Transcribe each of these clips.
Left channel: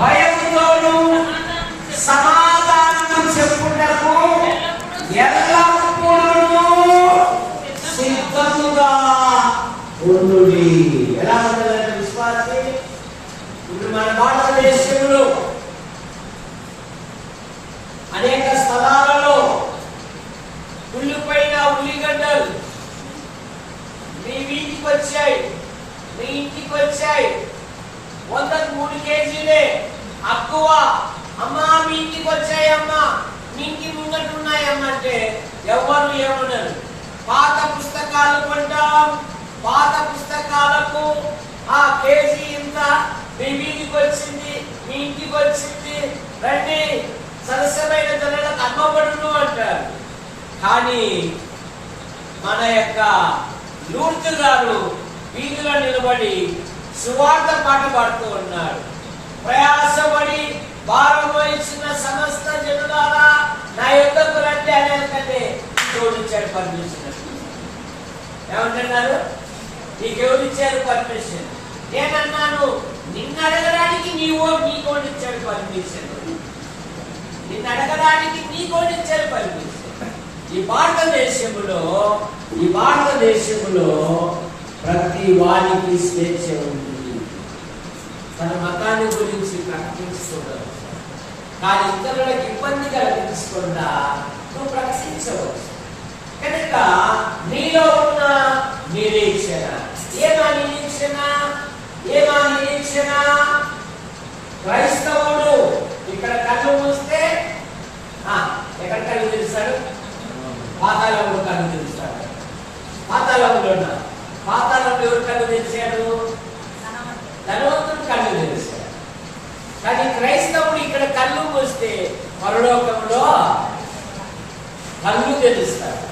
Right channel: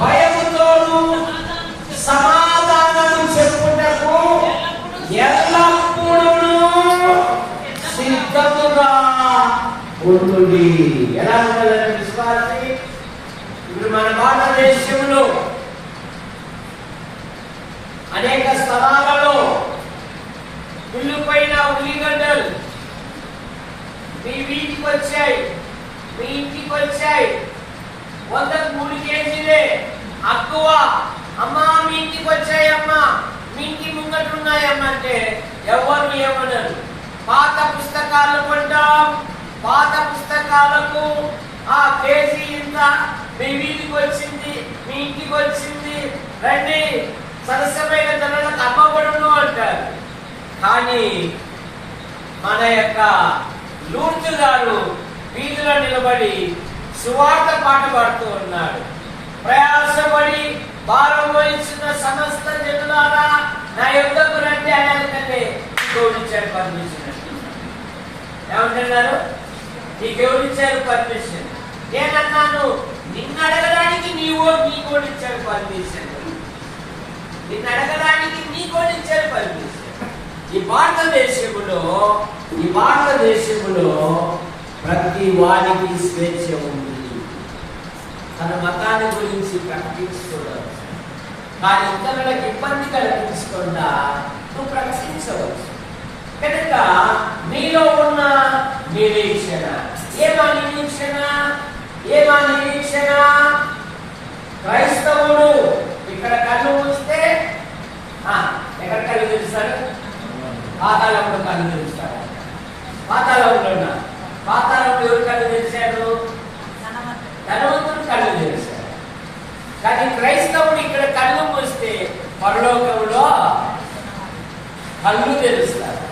భయముతోను సమాధానము చెప్పుటకు ఎల్లప్పుడూ సిద్ధముగా ఉండుడి. ఎలా ఉండాలంటే విశ్వాసి, ఇప్పుడు మన భారతదేశంలో అనేక స్థలాలలో ఉల్లిపైన ఉల్లిగడ్డలు మీ వీధికి వచ్చాయి, మీ ఇంటికి వచ్చాయి. 100కు 3 కేజీలే అక్కువ. అమ్మా మీ ఇంటికి వచ్చాయమ్మా, మీ ఇంటి ముంగటున్నాయమ్మా అంటే ఎవరు ఏమనరు. పాత పుస్తకాలు కొంటాం, పాత పుస్తకాలకు ఆ కేజీ ఇంత, మీ వీధికి వచ్చింది, మీ ఇంటికి వచ్చింది, రండి సరసమైన ధరలకు అమ్మబడును అంటారు. కానీ మన యొక్క లూర్దు గారు వీధిలో నిలబడి సువార్త పాట పాడుతూ ఉన్నాడు. ప్రయాసపడి భారం వహించిన సమస్త జనులారా నా యుద్ధకు రండి అనేకంటే దేవుడిచ్చాడు పర్మిషన్. ఏమంటున్నారు? నీకు ఎవరిచ్చారు పర్మిషన్? నేనన్నాను నిన్ను అడగడానికి నీకోడిచ్చాడు పర్మిషన్. నిన్ను అడగడానికి నీకోడిచ్చాడు పర్మిషన్. ఈ భారతదేశంలో ప్రతి వానికి స్వేచ్ఛ ఉంది. తన మతాన్ని గురించి ప్రకటించుకోవచ్చు, కానీ ఇతరులకు ఇబ్బంది కలిగించకుండా నువ్వు ప్రకటించవచ్చు. కనుక నీలో ఉన్న నిరీక్షణ ఏమా నిరీక్షణ? క్రైస్తవుడు ఇక్కడ కళ్ళు మూస్తే ఎక్కడ కళ్ళు తెరుస్తాడు? పాతాళంలో కళ్ళు తెరుస్తాడు. పాతాళంలో ఎవరు కళ్ళు తెరిచాడు? ధనవంతుడు కళ్ళు తెరిచాడు. కానీ క్రైస్తవుడు ఇక్కడ కళ్ళు మూస్తే పరలోకంలో కళ్ళు తెరుస్తాడు.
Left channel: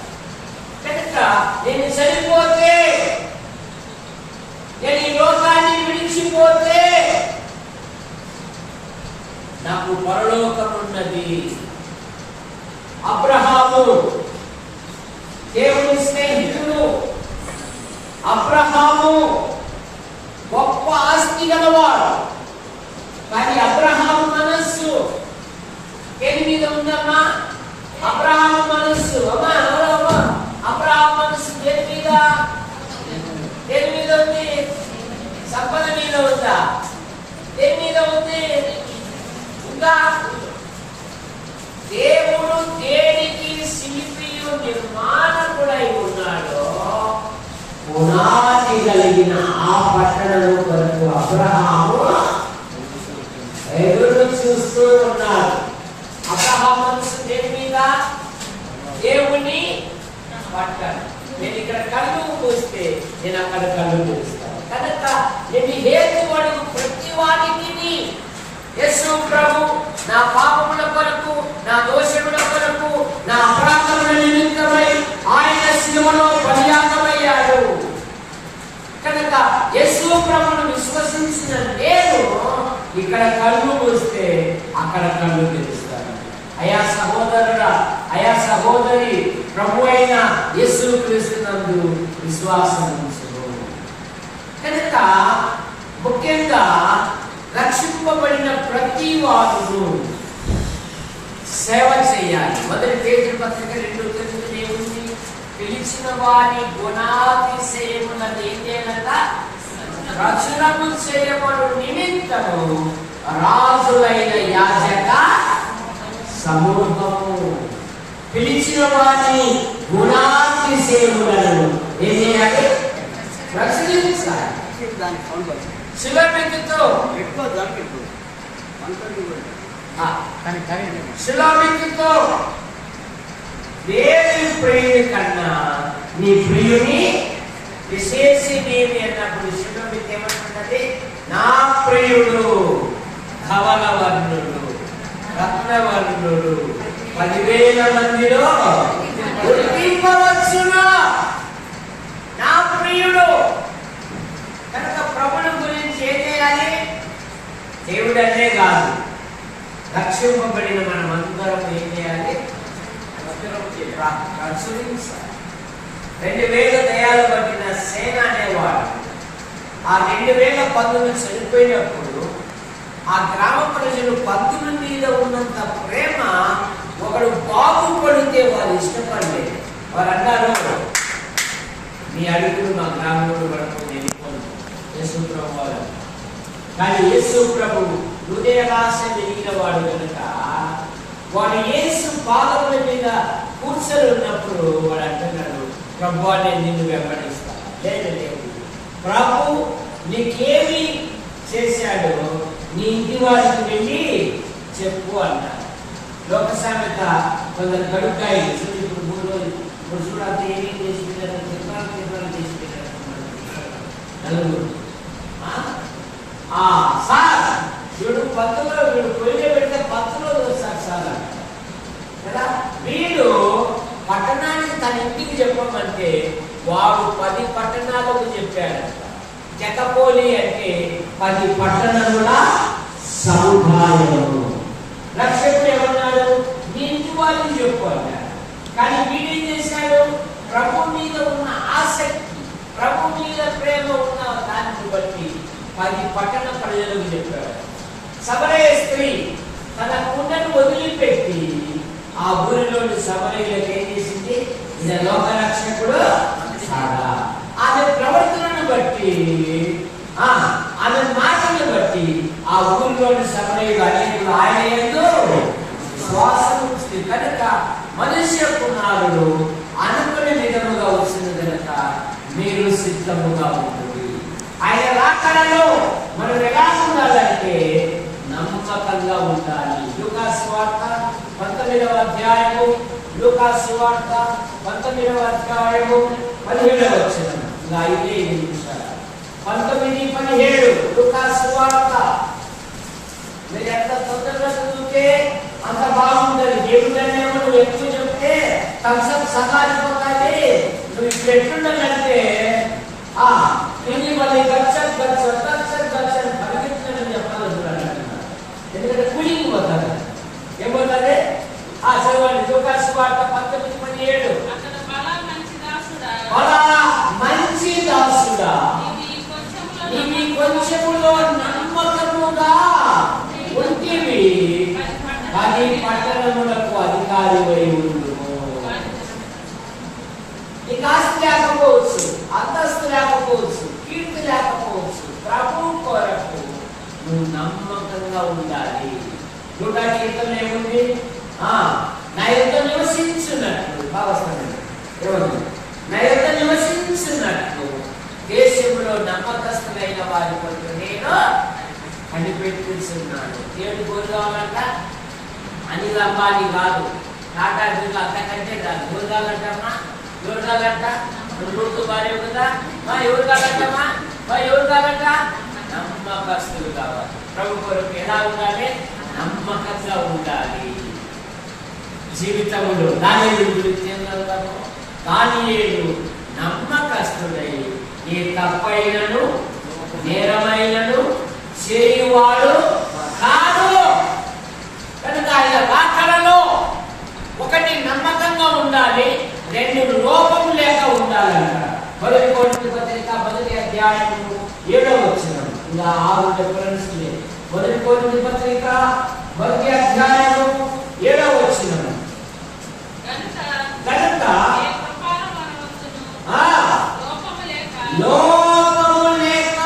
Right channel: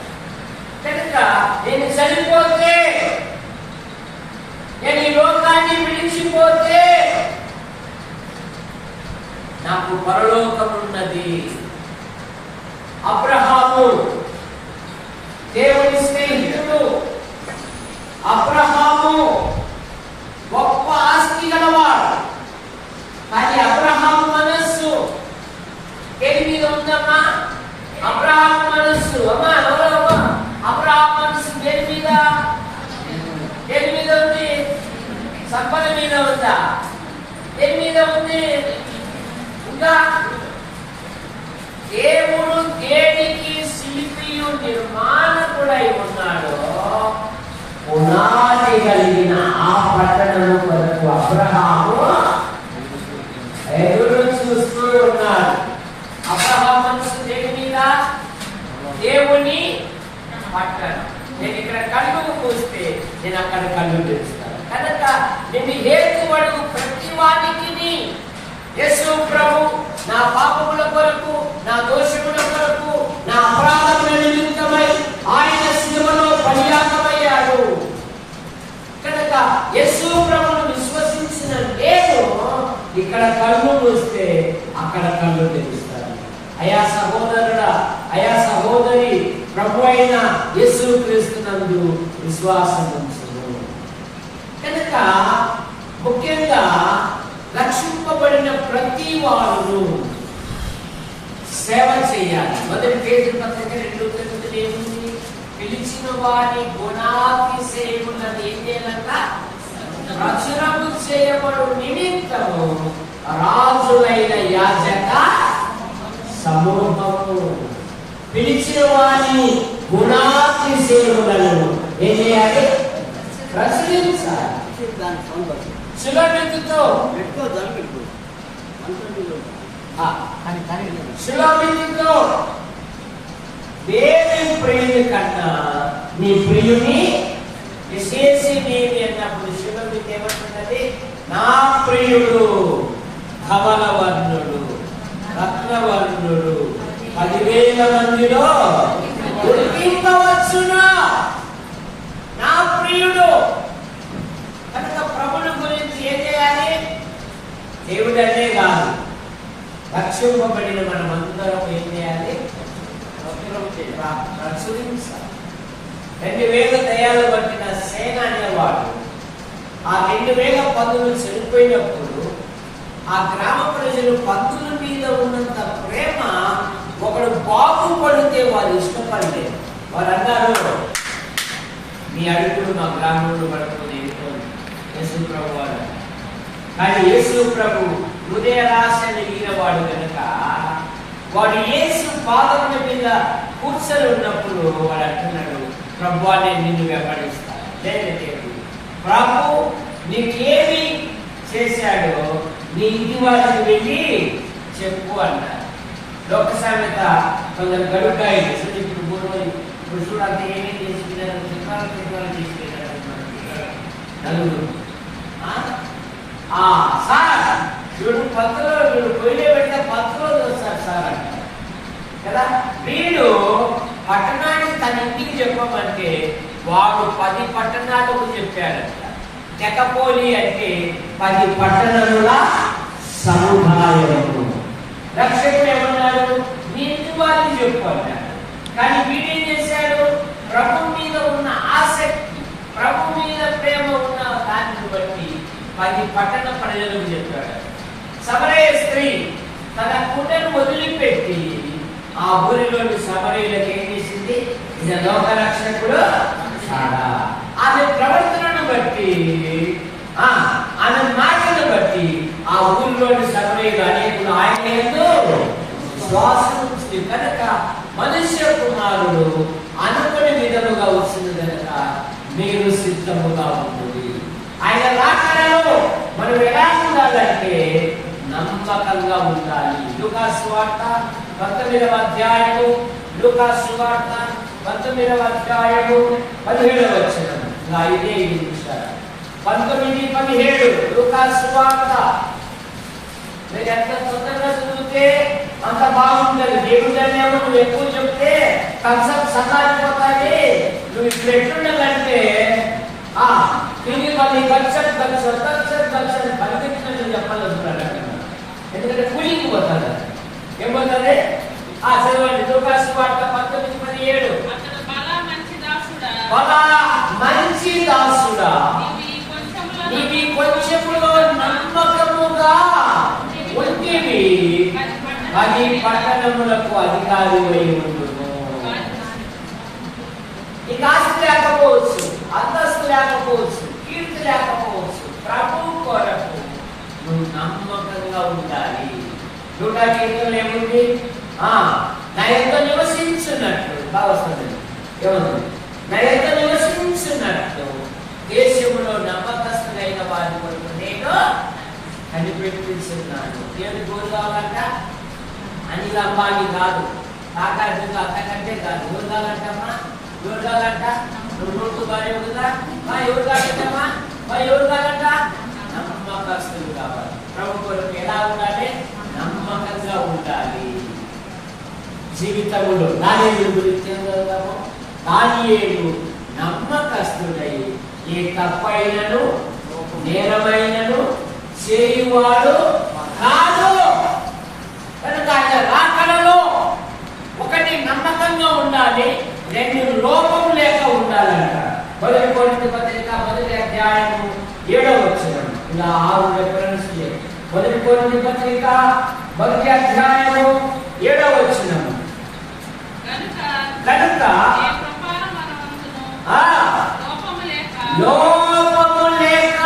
విడిచిపోతే నాకు పరలోకమున్నది. అబ్రహాము దేవుని స్నేహితుడు. అబ్రహాము గొప్ప ఆస్తి గలవాడు. కానీ అబ్రహాము మనస్సు దేని మీద ఉందమ్మా? అబ్రహాము మనస్సు అమ్మా అబ్రహాము మనస్సు దేని మీద ఉంది? సంపద మీద ఉందా? దేని మీద ఉంది? ఉందా? దేవుడు దేనికి శిల్పియు నిర్మాణకుడై ఉన్నాడో పునాది కలిగిన ఆ పట్టణం కొరకు అబ్రహాము ఎదురు చూస్తూ ఉన్నాడు. అబ్రహాము మనసు దేని మీద? దేవుని పట్టణం. నేను ఇక్కడ కళ్ళు మూస్తే నేను అక్కడ కళ్ళు తెరుస్తాను. కనుక నేను హేతువడు ప్రతి వానికి యేసు ప్రభు నా పాపముల కొరకు, నా దోషముల కొరకు, నా అపరాధముల నిమిత్తమై ఆయన శిలువలో బలియాగమయ్యాడు. కనుక యేసు ప్రభువును విశ్వసించిన నేను ఇక్కడ కళ్ళు మూస్తే అక్కడ కళ్ళు తెరుస్తాను. అయా సహోదరుడా, అయా సహోదరి, ప్రభు అయిన యేసు క్రీస్తునందు విశ్వాసం ఉంచును. కనుక ముఖ్యంగా రక్షింపబడిన ప్రతి వారు సేవ చేయాలి. మొదటి పేజీ పత్రిక 2:9 ఏముంది? పిలిచిన వారి గుణాతిశయమున్నది ఏదేనక ప్రచురము చేయబడు నిమిత్తము రాజులైన యాజక సమూహము. పిలిచిన వారి గుణాతిశయములను ఏం చేయాలి? ప్రచురించాలి. శిలామితితో దేని ప్రియుని కన్నా నీ ప్రియుని విశేషమేమి అన్నప్పుడు శిలామితి ఏమంటున్నది? నా ప్రియుడు ధవలవర్ణుడు, రత్నవర్ణుడు, 10,000 మందిలో గుర్తింపవచ్చును. నా ప్రియుడు. కనుక ప్రభుని గురించి ఏం చేయాలి? దేవుడనే కాదు, రక్షింపబడిన మనం అందరం ఏం చేయాలి? ప్రచురించాలి. 2,000 దయ్యాలు పట్టిన సేన అనేవాడు ఆ 2,000 పందులు చనిపోయినప్పుడు ఆ గ్రామ ప్రజలు పందుల మీద ఉన్నంత ప్రేమ ఒకడు బాగుపడితే వాళ్ళు ఇష్టపడలేదు. వారు అన్నారు, మీ అడుగులు మా గ్రామంలో పడుతుంది యేసు ప్రభు వారు. కానీ యేసు ప్రభు హృదయ రాశని వాడు కనుక వాడు యేసు పాదముల మీద కూర్చొని ఉన్నప్పుడు వాడు అంటున్నాడు, ప్రభు నేను నిన్ను వెంబడిస్తాను. లేదు, ప్రభు నీకేమి చేశాడో నీ ఇంటి వారికి వెళ్ళి చెప్పు అన్నాడు. లోక సామెత కొందరు గడుకాయ ఇప్పుడు చూడాలి ఏమి చేసుకున్నారు, నలుగురు సార్ వీడు పత్తులో వీడు పొయ్యిలో పెడితే పత్తులో సార్ అంట కదా. వీడు పట్టణానికి తన ఇంటికి చెప్పమంటే వాడు 10 పట్టణాలకు చెప్పాడంట. జకపోలి అంటే 10 పట్టణముల సముదాయము. రక్షకుడు ఏమన్నాడు? నీ ఇంటి వారికి చెప్పు అన్నాడు. కానీ వీడేం చేశాడు? ప్రభు మీద ఉన్న ఆసక్తి, ప్రభు మీద ప్రేమ ఉన్న దాన్ని బట్టి 10 పట్టణ ప్రజలకు చెప్పాడు. సమరయ స్త్రీ తన కుండను వదిలిపెట్టి ఆ ఊరిలోని సమరయులకు ఏం చేసింది? ఇది లోక రక్షకుడు కాదా? ఆమె ప్రవర్తనను బట్టి, ఆమె మాటను బట్టి ఆ ఊరిలోని సమరయులు అనేకులు ఆయన యందు విశ్వాసం ఉంచి కనుక మనుష్య కుమారుడు అనుకునే విధముగా వచ్చింది కనుక మీరు సిద్ధముగా ఉంటుంది. ఆయన రాకడలో మనం ఎలా ఉండాలంటే నమ్మకంగా ఉండాలి. లూకా సువార్త 19వ అధ్యాయము, లూకా సువార్త 19వ అధ్యాయము 17వ వచనం. ఇదే 19-17 లూకా సువార్త. మీరు ఎంత తొందరగా చదివితే అంత బాగుంటుంది. దేవుడనేమో నువ్వు ఎక్కువ చెప్తే కన్సెప్ట్ సహాయపోతాయి. నువ్వు ఇప్పుడు ఎట్లుండాలంటే తిని మళ్ళీ కల్చర్ ఎందుకంటే కూలింగ్ పోతుంది. ఏం పోతుంది? చదవండి. లూకాసు వార్త 19:17. బలా మంచి దాసుడా, నీవి కొంచెములో నమ్మకముగా ఉంటివి, 10 పట్టణములకు అధికారివై ఉండుము. నీకు ఆస్తి లేకపోవచ్చు, అంతస్తు లేకపోవచ్చు, కీర్తి లేకపోవచ్చు, ప్రభు కొరకు నువ్వు నమ్మకంగా ఉండాలి. 100 ఏముంది? నా యొక్క నివసించున్నట్లు భావస్తుంది. ఏముంది? నా యొక్క నివసించున్నట్లు దేశంలో నమ్మకస్తులైన వారి కొరకు నేను కనిపెట్టుతున్నాను. ఏడు గోలు కావాలంట? అనిల్ అంబానీ కాదు, టాటా బిర్లా అంతకంటే కాదు. గోలు కావాలంటమ్మా, ఎవరు కావాలంట? గుర్తు భార్య ఉందా? ఎవరు కావాలంటమ్మా? ఎవరు కావాలంట? నమ్మకస్తులు కావాలి. ప్రభు కొరకు ఎలా ఉండాలి? నమ్మకంగా ఉండాలి. జీవితములు దానియేలు గురించి ఏం చదువుతాము? దానియేలు నమ్మకస్తుడై ఏ తప్పైనను నేరమైనను చేయువాడు కాదు. కనుక ఆయన రాకడలో 1 నమ్మకంగా ఉండాలి, 2 లోపం లేక ఉండాలంట. 1 కొరింథీ పత్రిక 1వ అధ్యాయము 7వ వచనం. ఇలా 6 రెఫరెన్స్ లేదు. 1 కొరింథీ పత్రిక 1వ అధ్యాయము 7వ వచనం. కనుక లోపము లేక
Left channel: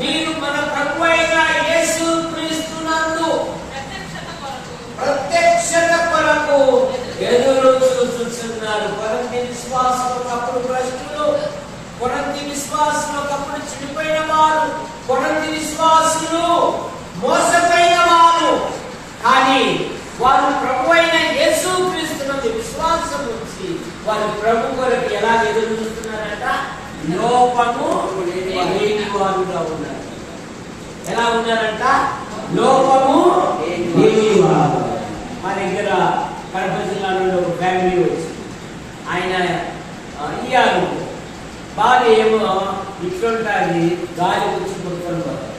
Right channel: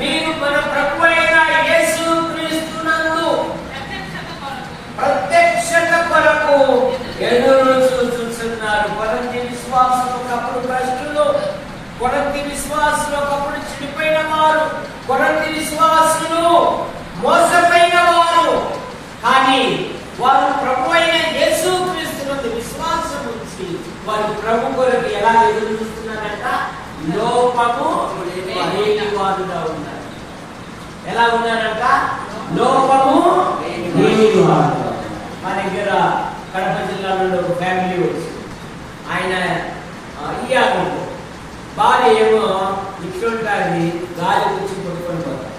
మీరు మన ప్రభువైన యేసుక్రీస్తునందు ప్రత్యక్షత కొరకు ఎదురు చూస్తున్నారు. కొరింథీ విశ్వాసులు ఒకప్పుడు భ్రష్టులు, కొరింథీ విశ్వాసులు ఒకప్పుడు చెడిపోయిన వారు, కొరింథీ విశ్వాసులు మోసపోయిన వారు. కానీ వారు ప్రభువైన యేసుక్రీస్తునందు విశ్వాసం ఉంచి వారు ప్రభు కొరకు ఎలా ఎదురు చూస్తున్నారంట? లోపము లేని వారుగా ఉన్నారు. ఎలా ఉన్నారంట? లోపము లేని వారు. మా దగ్గర కడప జిల్లాలో ఒక ఫ్యామిలీ వచ్చింది. ఆయన ఇయ్యాను భార్య ఏమో ఇట్లుంటుంది, గాలి వచ్చి కొట్టుకొని పోతారు.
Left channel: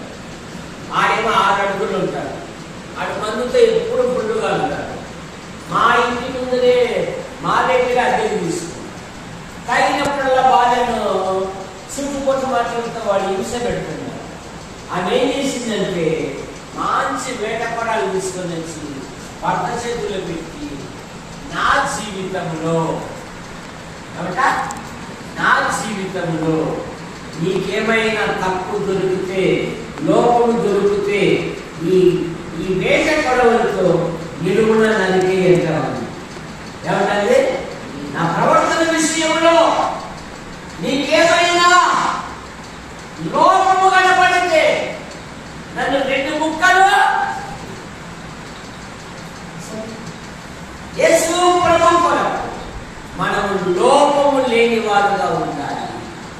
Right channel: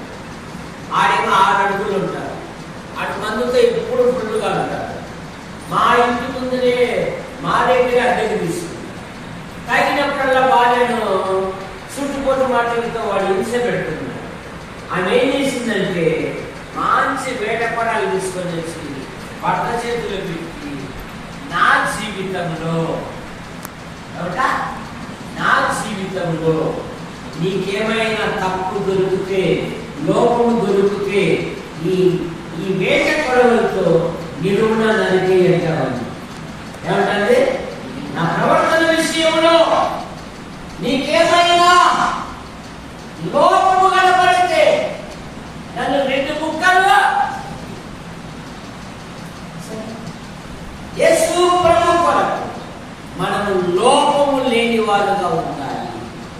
ఆడేమో 6 అడుగులు ఉంటారు. అటు మందుతో ఎప్పుడు ఫుల్లుగా ఉంటారు. మా ఇంటి ముందునే మా దగ్గర అద్దెకి తీసుకుంటారు. తగినప్పుడల్లా భార్యను చుట్టుపొట్టు మాటలతో వాళ్ళు హింస పెడుతున్నారు. ఆమె ఏం చేసిందంటే మంచి వేటపడాలు తీసుకొని వచ్చి భర్త చేతులు పెట్టి, నా జీవితంలో నీకేమైనా తప్పు దొరికితే, లోపము దొరికితే ఈ వేట పడవలతో నిలువున నదికి ఎంతమంది ఏమంటే నా ప్రవర్తన విషయంలో నీకేమైనా లోపము కనపడితే నన్ను 2 ముక్కలు యేసు ప్రభు కొరకు మనము లోపము లేని వారుగా ఉండాలి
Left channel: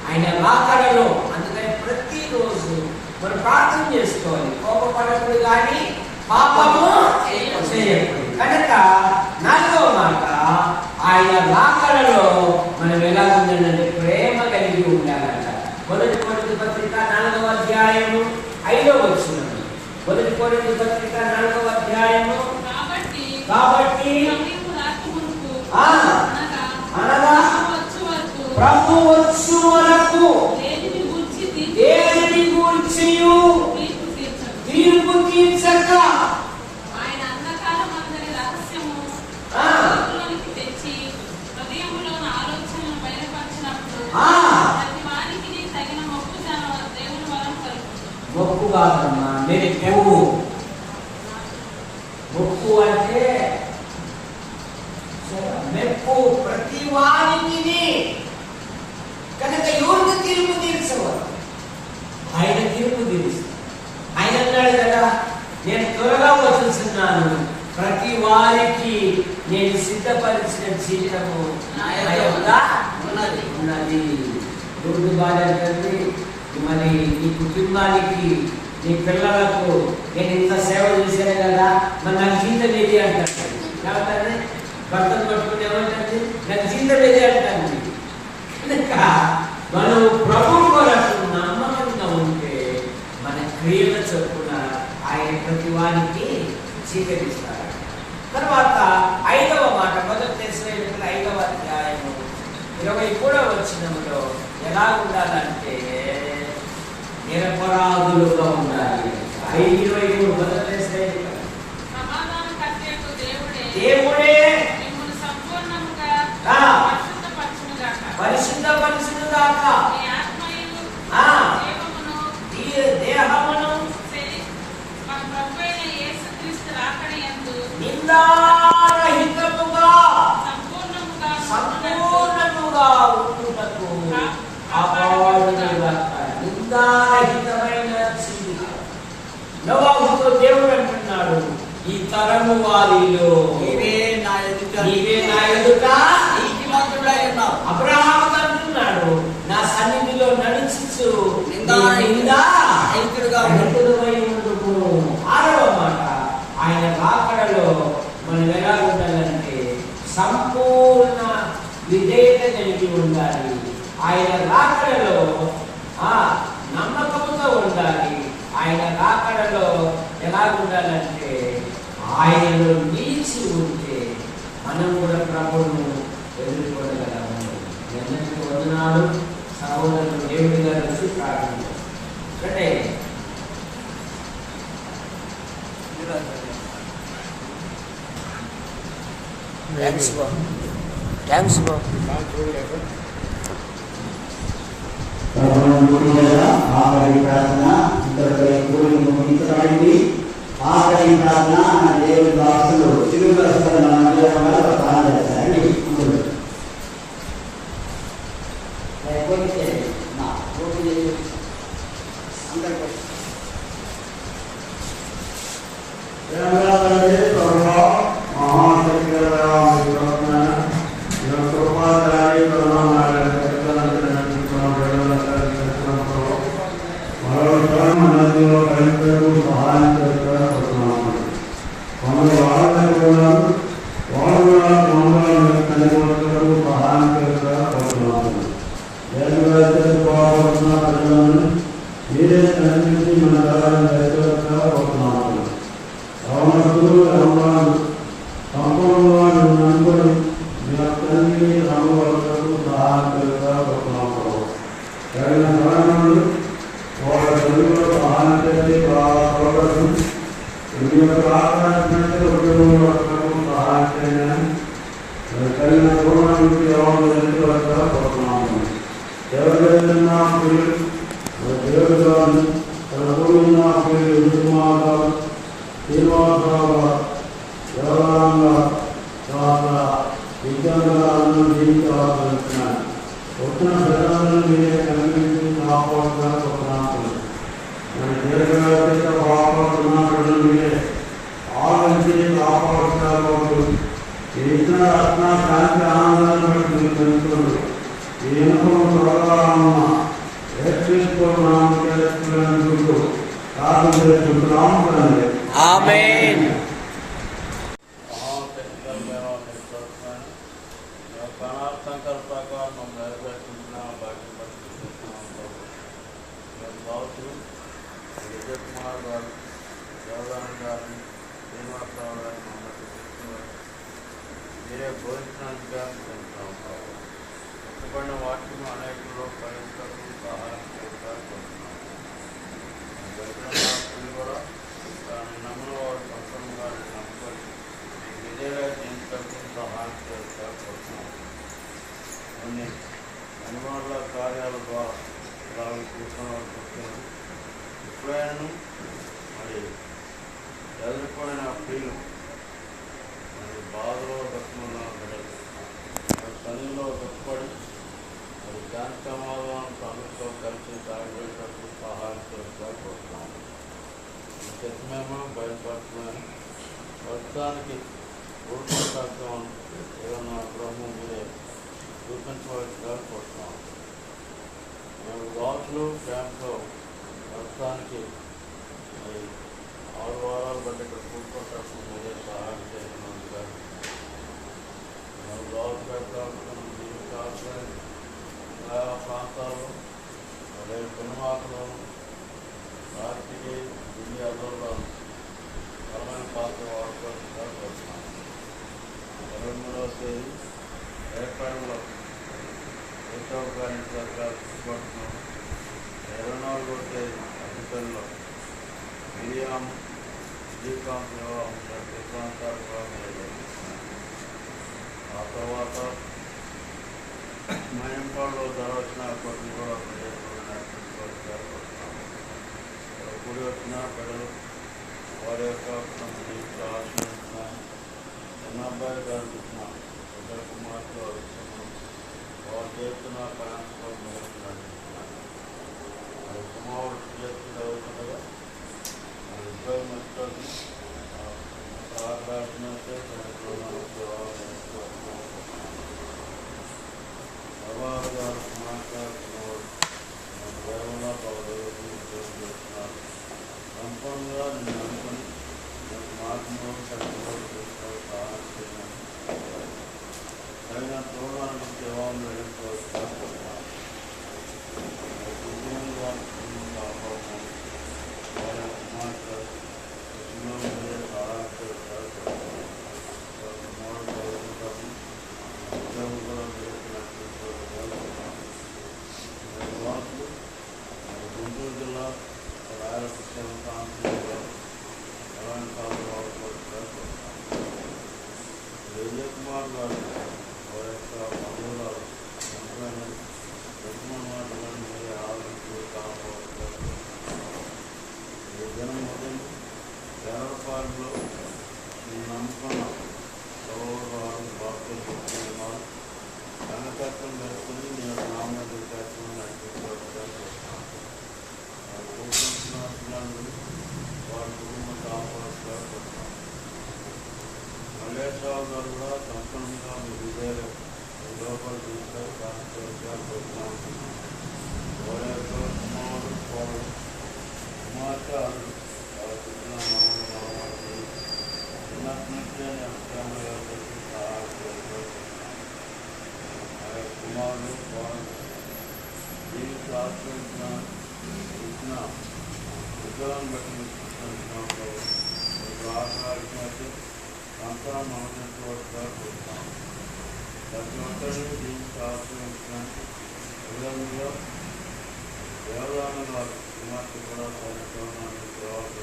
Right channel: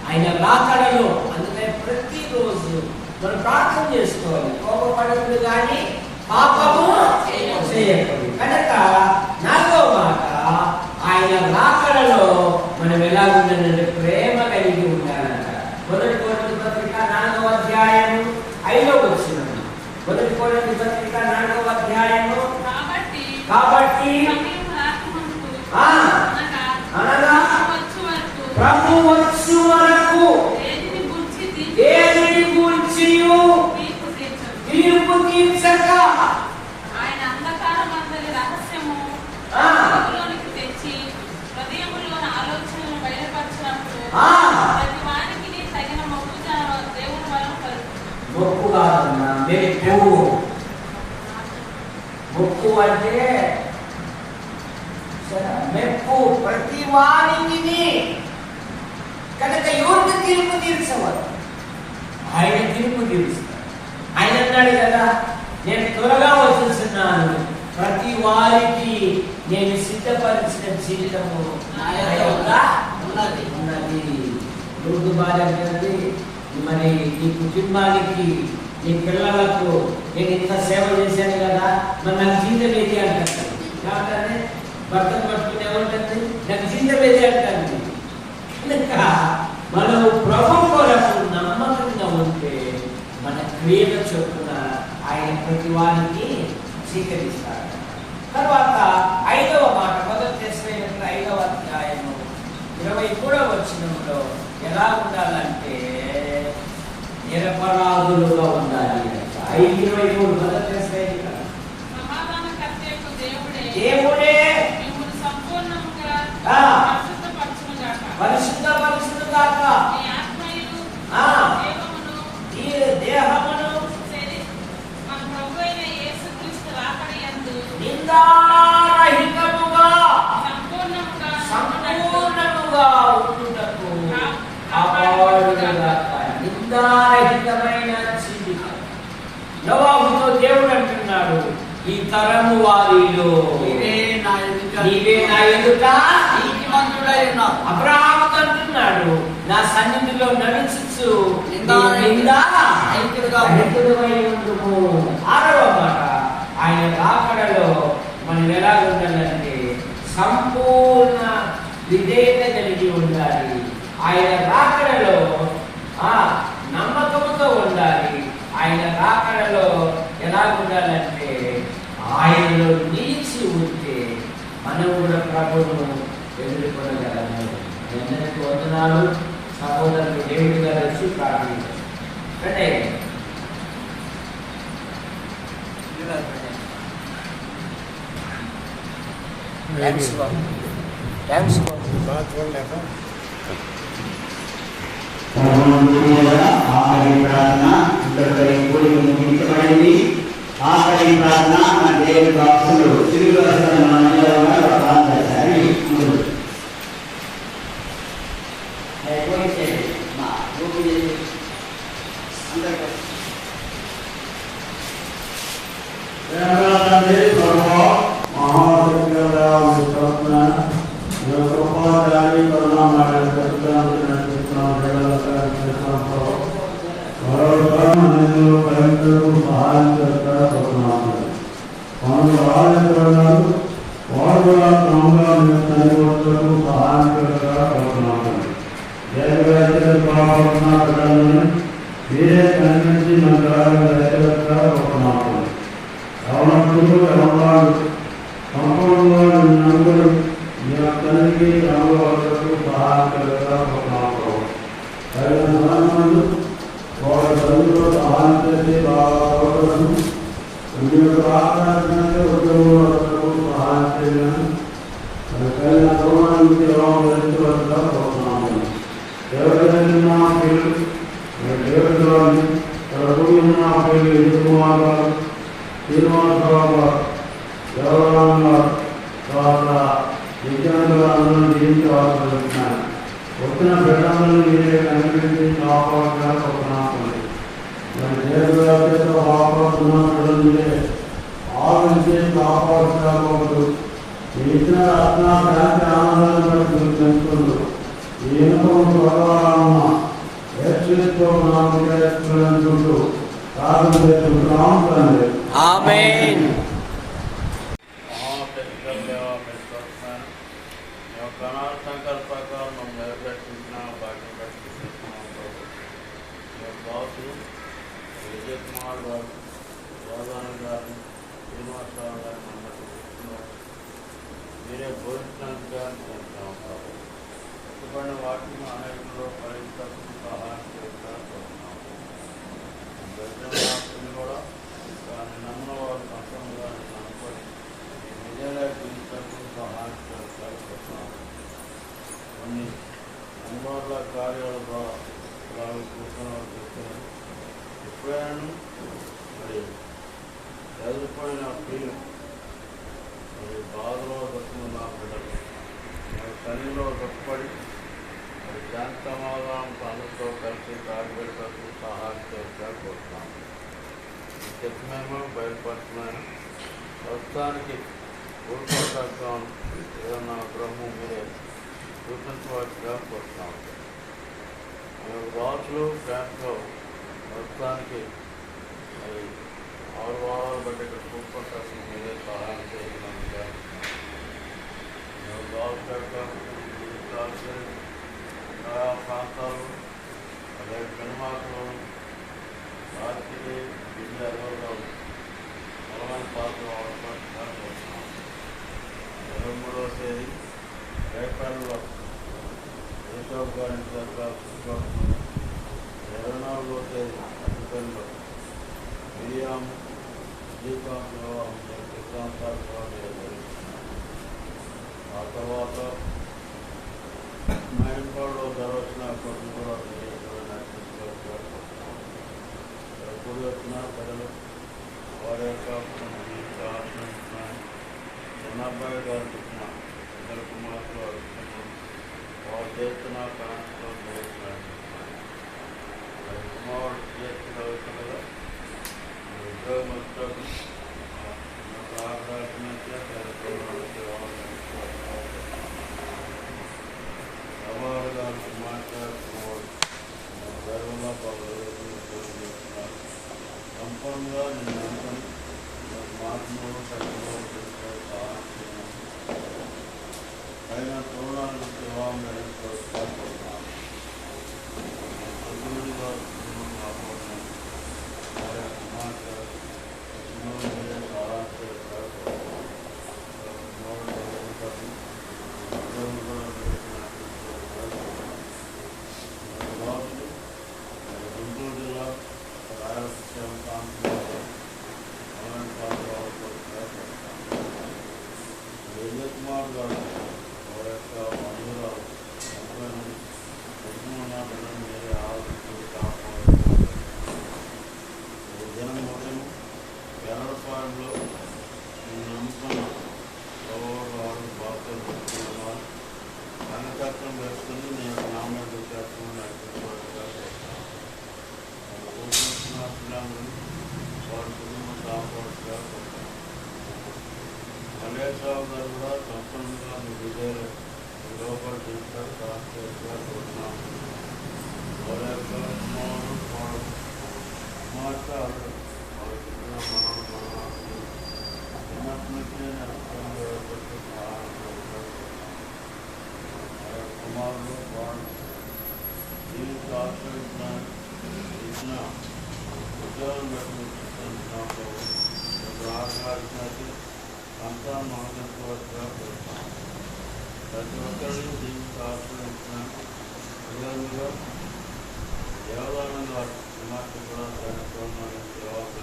ఆయన రాకడలో. అందుకని ప్రతిరోజు మనం ప్రార్థన చేసుకోవాలి. కోపపడకూడదు కానీ పాపము చేయకూడదు. కనుక 4వ మాట, ఆయన రాకడలో మనం ఎలా ఉండాలంటే ప్రేమ కలిగి ఉండాలంట. 1 కొరింథీ పత్రిక 4వ అధ్యాయము 5వ వచనం. 1 కొరింథీ పత్రిక 4వ అధ్యాయము. కాబట్టి అనగా ప్రభు వచ్చు వరకు దేనిని గూర్చి తీర్పు తీర్చక ఆయన అంధకారమందరి రహస్యము తెచ్చి హృదయములోని ఆలోచనను బయలుపరిచినప్పుడు ప్రతి వానికి తగిన మొక్కు దేవుని వరం కలుగుతుంది. మొక్కు కాదమ్మా, మొక్కు అంటే మెప్పు ప్రతి వారికి. కనుక ఎవరికి తీర్పు తీర్చవరు? ఆయన తీర్పు తీరుస్తారు. ఆయన అన్నాడు కదా, నేను త్వరగా వచ్చేస్తున్నాను, ప్రతి వారికి నేను సిద్ధపరిచిన జీవితము ఉన్నది. రోడ్డు బాధ అంటే మరి నీ కుటుంబానికి, నీ పిల్లలకు నేను ఇంత సేవ చేశాను కదా, మరి నాకు జీవితం ఏది అంటారు. ఏమంటారని భర్తను పట్టుకుని ఏమంటుంది? నాకు జీవితం ఏది అంటాను. కనుక మనం ప్రభు కొరకు నమ్మకంగా ఉంటే మన క్రియల చొప్పున 23వ వచనంలో ఎలా ఉండాలంటే నిరపరాధులుగా ఉండాలి. 5:23 బదలేస్తే సమాధానకర్తయగు దేవుడే మిమ్మును సంపూర్ణముగా పరిశుద్ధపరచుగాక. మీ ఆత్మయు ఈ దేహమును మన ప్రభువైన యేసుక్రీస్తు రాకడయందు నిందారహితముగా సంపూర్ణముగా ఉండుటకు కాపాడుగాక. నిందారహితమైన జీవితం. నోవాహుతో దేవుడు అంటున్నాడు, ఈ తరము వారిలో నీవే నా ఎదుట నీతిమంతుడై ఉన్నావు. అబ్రహాముతో అంటున్నాడు, నా సన్నిధిలో నడుచుచు నిందారహితుడై ఉండుము. 6వ మాట, ఆయన రాకడలో మనం ఎలా ఉండాలంటే సంపూర్ణ విధేయత కలిగి ఉండాలి. ఆయన రాకడలో నమ్మకంతో ఉండాలి. ఆయన రాకడలో ఎలా ఉండాలంటే ఆయనలో నిలిచి ఉంటే మనం కూడా ప్రభువును ఎదుర్కొనగలము. అందరికీ వందనాలు. సహోదరుడు దేవుడి గారు వచ్చి ప్రార్థించారు. ఆఖరి ప్రార్థన ఇంతవరకు కూడి ముగించబడింది. ఆఖరి ప్రార్థన మన దేవుడి దాసులు తిరుగు ప్రార్థన చేశారు. ఆమేన్. విజయకుమార్ గారు, రాధారాణి గారిని, శ్రీనివాసరావు గారిని మమ్మల్ని మీరే బోధించినందుగా ఇవ్వని వాక్యం అనేకలో పరిష్కరించి సహాయం చేస్తారు కూడా దాన్ని నమ్మిన వారు సంతంగా నమ్మకం విజయగా జీవితానికి సహాయం చేస్తారు. కొన్ని అనివార్య కార్యాల ద్వారా ఇలా కూర్చొని ఎప్పుడైనా మరి ఎదిరిపోయిన ఫీల్ మరి బాధలో దక్కున్న బిడ్డలు మరి తల్లిలో దక్కుపడి మరి శాంతి సమాధానం అందరితో కలిసి తాగిపెట్టకు సహాయం చేసుకోవచ్చు. ఈ చెత్తమేమో బయలుపరచమైన ప్రస్తుతానికి ఊరుకోవడం ఏదన్నా బ్రహ్మం మీరే చూపించవలసిగా కోరుతాం. మేము రాజులు క్యాంప్లో ప్రస్తుతానికి మరి 6 వారాలు బట్టి ఇక్కడ కూర్చోటానికి మీరే సహాయం చేయగలిగా ప్రాంతాలు అలాగే పెనుమాకలు రాత్రికి జిల్లాలో బలమైన పాత్ర అవకాశంగా వస్తున్నాం. 23వ తేదీ రేపల్లో ఏసవ్ గారి దగ్గర పుట్టుకొస్తున్నాం 24వ తేదీ అధిపతిలో మిరియాము శ్రీకాంత్ వివాహం శ్రీకాంతాలు మీద జరుగుతున్నాయి. ఆ తర్వాత మయంపాడులో ధరవచ్చిన అప్పటిని కూడా కూడి వచ్చిన ప్రజలు వారి యొక్క జీవిత ఆశ్రయించిన చిన్నబ్బాయి గారికి ఇచ్చిన ఇతర కుమార్తెలు వారు చేస్తున్న ప్రయాణంలో నడుస్తున్నాయి. కుమారుడు చేసి చదువుతున్నగా ఉద్యోగం వస్తుంది సవారు గారు కుమార్తె దైవంగా ఉద్యోగం చేస్తున్నారు. సంపూర్ణంగా నేను అనుకుని మార్గంలో సరిగ్గా సహాయం చేయడం అయినా తోరణాలకు వివాహం జరుగుతున్నాను. ఎంతమంది వారు వారి కుమార్తె సహాయంతో ఉద్యోగం కూడా గుంటూరు జిల్లా రాయలసీమ ప్రాంతంలో అలాంటి విజయ్ కుమార్ గారు వారి యొక్క బంధువురాలు మీరే ఆలోచించి కాపాడుకోవాలి. దినం ఉదయం ఎర్రపాలెంలో నేను నమ్ముకున్న సౌరవారు బాధ్యతలు చెప్తున్నారు. సంఘచక్రం వేసుకుని నీ యొక్క నామేత చేస్తామని కూర్చుంటున్న పిల్లలందరూ వారి కుటుంబ కాపాడుగా మల్లేశ్వరరావు గారు కూడా సంపూర్ణంగా మీ విజయాలు లోపల చేస్తారు కాపాడుగా కోరుతున్నాము. వారి యొక్క కుమారుడు కుమార్తె వారి పుట్టిన మహానుభావాన్ని చిన్నప్పటి నుంచే సహాయం చేస్తారు. కుమారులు వారు జీవిత ఆశ్రయించిన ఇచ్చిన ఉద్యోగం బట్టి ఆశ్రయించినట్టు సంతానం అనుభవించవచ్చుగా కోరుతాం. ప్రతి ఒక్కరికి జీవిత ఆశ్రయించిన విధంగా దేవదానం వారి కుమార్తె కూడా సైనికులను జవాబుగా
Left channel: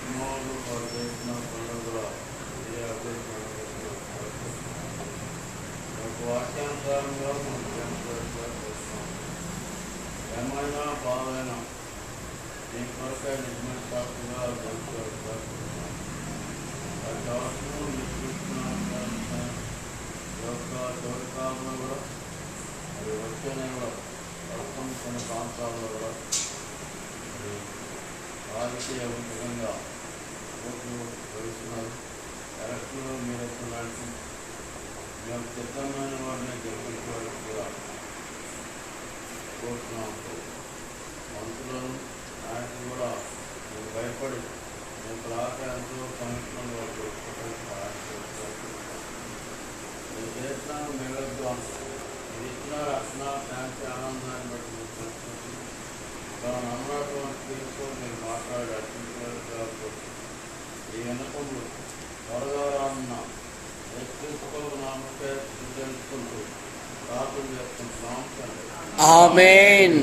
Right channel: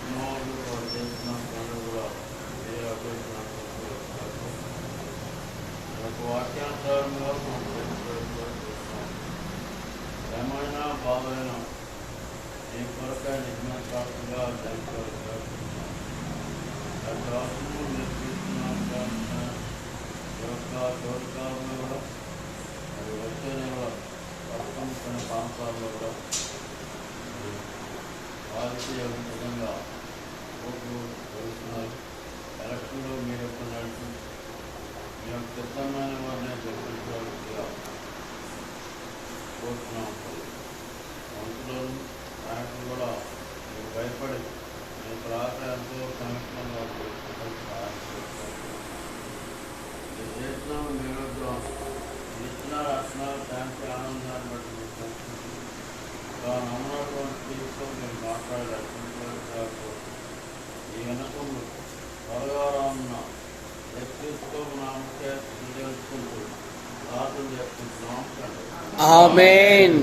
కుమారుడు వారు చేసిన పనులు కూడా ఏ అభ్యర్థి వాక్యానుసారంగా మనం చూస్తున్నాం. ఏమైనా బాధైనా ఈ కొరకై నిజమైన సాక్షిగా జరుగుతున్నాం. మీరు చూస్తున్న యొక్క చోటుకాలంలో కూడా మరి వచ్చే నెల ప్రస్తుతం కొన్ని ప్రాంతాల్లో కూడా మరి రాజకీయ విధంగా ఓట్లు వేస్తున్నారు. ఎలక్షన్లో మీరు ఎప్పుడు నడిచి మీ యొక్క సిద్ధమైన వారిని గెలిపించవలసిగా కోరుతూ ఉంటుంది. మంత్రులను నాయకులు కూడా మీరు భయపడి మీ ప్రాంతాలతో కమిషన్గా మీరు చేసిన నిరుద్యోగం ఇచ్చిన రక్షణ శాంతి ఆనందాన్ని బట్టి మీరు తెలుసుకుంటుంది. నమ్మకం తీసుకొని మీరు మాట్లాడి రక్షించవలసిగా కోరుతుంది. ఈ వెనకలు త్వరగా రానున్న తెలుసుకుంటూ ప్రార్థన చేసుకుంటున్నాం. ఆమేన్.